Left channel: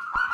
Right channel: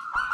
you